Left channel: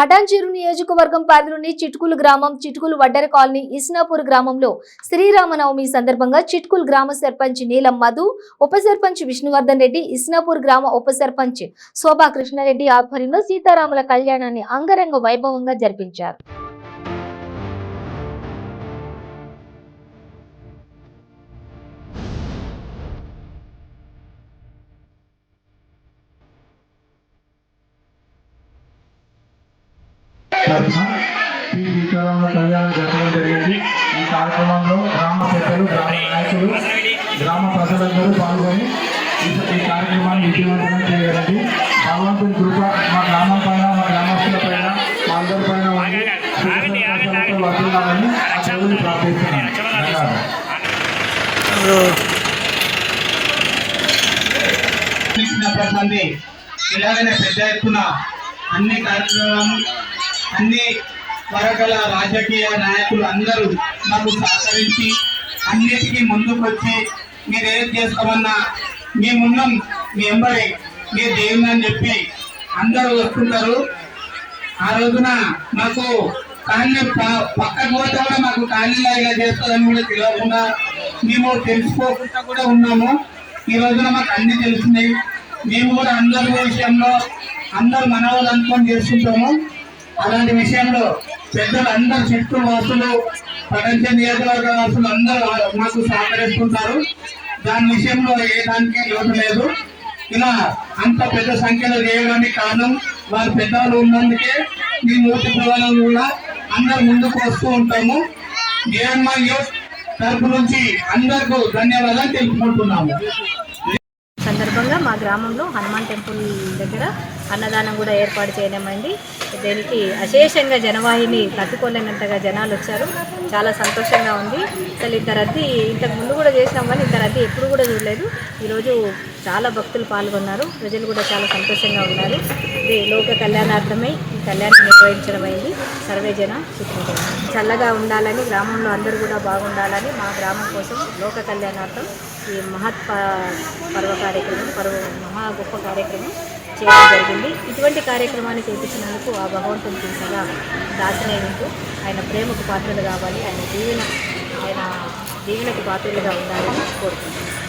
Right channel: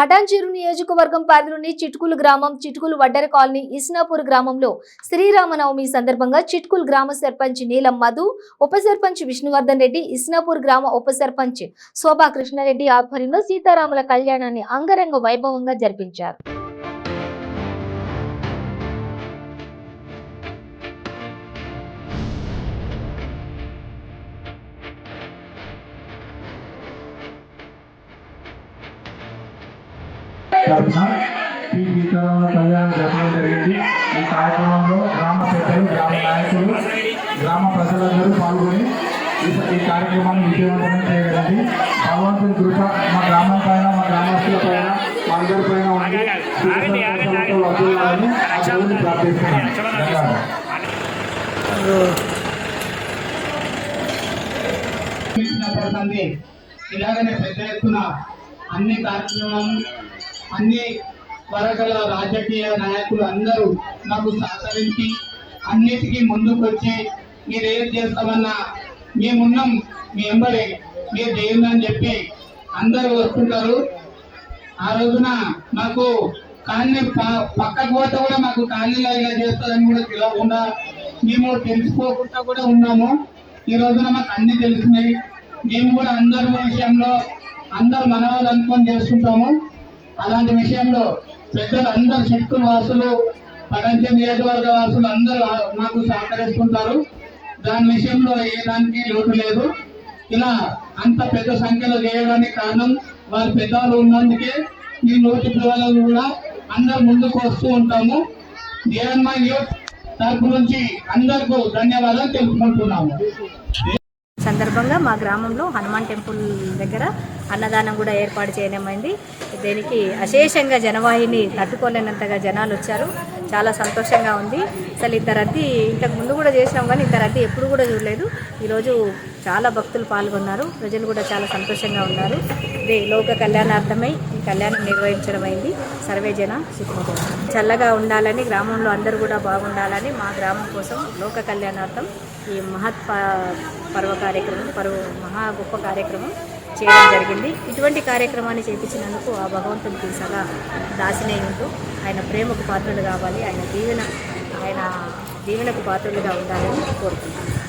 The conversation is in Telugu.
పటాన్చెరు నియోజకవర్గం పరిధిలోని చిట్కులు గ్రామం, చిట్కులు వడ్డెర కాలనీ, ఇస్నాపూర్ గ్రామంలో శ్రీరామనవమి సందర్భంగా చిట్కులు గ్రామ సర్పంచ్ నీలం మధు, ఉప సర్పంచ్ విష్ణువర్ధన్ రెడ్డి, ఇస్నాపూర్ గ్రామ ఉప సర్పంచ్ శోభా కృష్ణారెడ్డి ఆధ్వర్యంలో సీతారాముల కళ్యాణాన్ని అంగరంగ వైభవంగా జరిపించారు. కళ్యాణం జరగడం జరిగింది. ఈ కార్యక్రమంలో గ్రామ పెద్దలు, గ్రామ నాయకులు, గ్రామ ప్రజలందరూ పాల్గొని ఈ కార్యక్రమాన్ని విజయవంతంగా చేయగలండి. భగవంతుని కృప మా గ్రామం పైన, మా గ్రామస్తుల పైన, మా అందరి పైన ఉండి సుఖ వర్తిల్లాలని ఆ దేవుని ప్రార్థిస్తున్నాను. ఇలాగనే పెద్ద ఎత్తున అన్ని కార్యక్రమాలు, అన్ని వర్గాల రాజకీయ నాయకులు అందరూ మాకు సహకరించి అన్నిటికీ ముందుకు వచ్చి మీరు ఏం చేస్తామన్నా మేమున్నాం, మీ ఎంబడి మీరు దేవుని అని చెప్పి అందరూ వస్తుంటారు. ఆ రోజున మాకు కాలనీ పక్కకు పోతే కూడా మాకు కాలనీలో ఇలా చేస్తుందని కూడా తెలియకుండా మేము తెలుసుకోకుండా కూడా ఉన్నాము. ఈ రోజున మాకు అన్ని తెలిసినాయి. మేము కూడా అందరి విషయంలో అందరూ మనవాళ్ళు అనుకొని చేసుకుంటాము. అలాంటి విషయంలో పెద్దలు అందరు చిట్టు వాసులు, పటాన్చెరు నియోజకవర్గ వాసులు అందరూ మాకు సహకరిస్తుంటారు. దాని విషయంలో ఏ దానికి లోటు లేదు. ఇలా అంత పెద్ద సంఖ్యలో చేయడానికి కారణం వారి పెద్దలు ఉన్నందుకే మీ నూతి పిల్లలు కూడా అందరు ముందుకు వస్తూ ఉంటాము. జయన్మ యూత్ తరపు నుంచి అందరికీ ధన్యవాదాలు తెలుపుకుంటున్నాము. సందర్భంగా మా గ్రామంలో హనుమాన్ టెంపుల్ దగ్గర అన్నదానం కూడా ఏర్పాటు చేయడమైంది. దీనికి అశేషంగా జనవాహిని తట్టుకోలేనంతగా జనాలు వచ్చారు. చాలా సంతోషంగా ఉంది. అసలు ఇంత రద్దీ ఇంతకు ముందు కూడా చేసినాం, కానీ ఇంత రద్దీ ఎప్పుడు కూడా చూడలేదు. ఈరోజు చాలా భక్తులు పాల్గొన్నారు. ప్రజలు కూడా చాలా సంతోషంగా ఉన్నారు. ఇది లోక కళ్యాణార్థమై ఈ కళ్యాణం నిర్వహించడం అయింది. సర్వే జన సుఖంగా చల్లగా ఉండాలని, గ్రామంలో అందరూ కూడా బాగుండాలని మా గ్రామం కోసం లోక కళ్యాణార్థం ఈ పర్వ కార్యక్రమం, మహా గొప్ప కార్యక్రమం చేయడం జరిగింది. ఇటువంటి కార్యక్రమాన్ని చేపించినందుకు ఆ భగవంతునికి సదా దాసినే ఉంటూ ఆయన ప్రేమకు పాత్రలు కావాలి, ఆయన దీవెనకు పాత్రలుగా ఉండాలని కోరుకుంటున్నాను.